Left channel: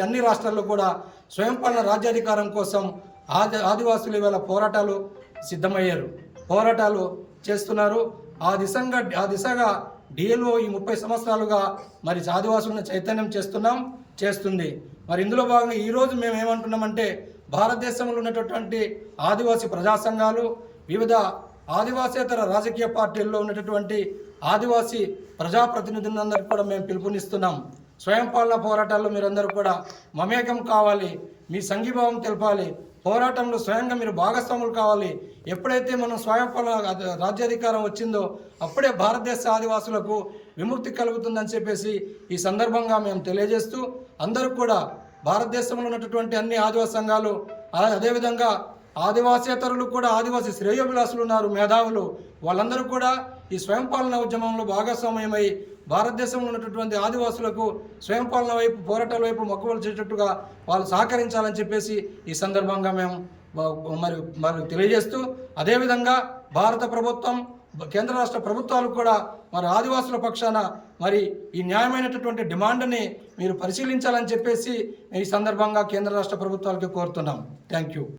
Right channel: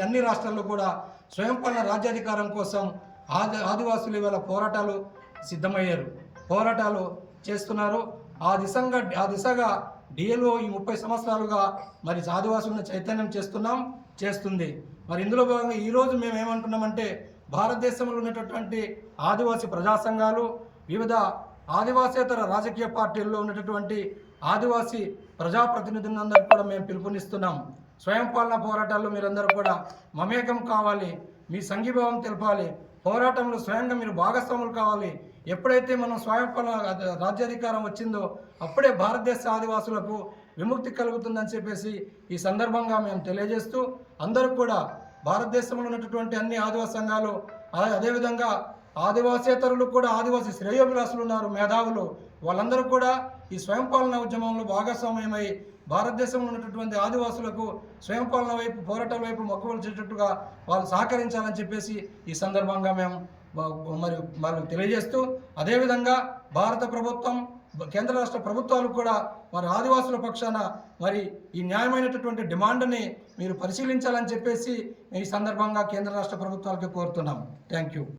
అన్ని రాష్ట్రాల్లో కూడా స్వయం పాలన రాజ్యాధికారం కోసం ఆది ఆదివాసులు ఇవాళ పోరాటాలు సిద్ధమయ్యారు. పోరాటాలు చేస్తున్నారు. ఆ దిశంగా ఆ దిశగా డిఎల్ఓ ఈ ముప్పై సంవత్సరాలుగా మరి ఆదివాసులను చైతన్యం చేస్తున్నాం చేస్తుంది. మరి ఇందులో భాగంగా ఈరోజు మేము ఏమంటున్నామంటే భారతదేశంలో ఉన్నటువంటి ఆదివాసీ ప్రజా సంఘాలు వివిధ ఆదివాసేతర రాజకీయ పార్టీల్లో ఉన్నటువంటి ఆదివాసీ ప్రజాప్రతినిధులందరికీ కూడా మేము పిలుపునిస్తున్నాం. స్వయం పాలన పోరాటాల్లో మీరందరూ కూడా మమేకం కావాలి మీ సంఘీభావం తెలపాలి పోరాటంలో స్వయంగా మీరు భాగస్వాములు కావాలి. ఎప్పుడైతే మనం స్వయం పాలన రాజ్యాధికారం వచ్చిందో అప్పుడే భారతదేశ ఆదివాసులకు విముక్తి కలుగుతుందని చెప్పేసి ఈ సందర్భంగా మేము తెలియజేస్తూ అందరూ కూడా భారతదేశంలో ఉన్నటువంటి అన్ని ఆదివాస సంఘాలు అదేవిధంగా ఆదివాసేతరులు కూడా ఆదివాసీ శ్రేయోభిలాసులు ఉన్నారు మేధావులు. వాళ్ళందరూ కూడా ఈ స్వయం పాలన ఉద్యమంలో భాగస్వామ్యమై భారతదేశంలో ఉన్నటువంటి ఆదివాసులకు స్వయం పాలన వైపు పోరాటాల వైపు మొక్కవలసేటట్టుగా వాళ్ళు సహకరించాలని చెప్పేసి ఈ సందర్భంగా మేము మరి మరి తెలియజేస్తూ అదేవిధంగా భారత ప్రభుత్వం కేంద్ర రాష్ట్ర ప్రభుత్వాలు కూడా మరి ఆదివాసుల పక్షాన మరి ఈ న్యాయమైనటువంటి డిమాండ్ని మీరు పరిశీలించాలని చెప్పేసి ఈ సందర్భంగా కేంద్ర రాష్ట్ర ప్రభుత్వాలకి కోరుతున్నాం. Thank you.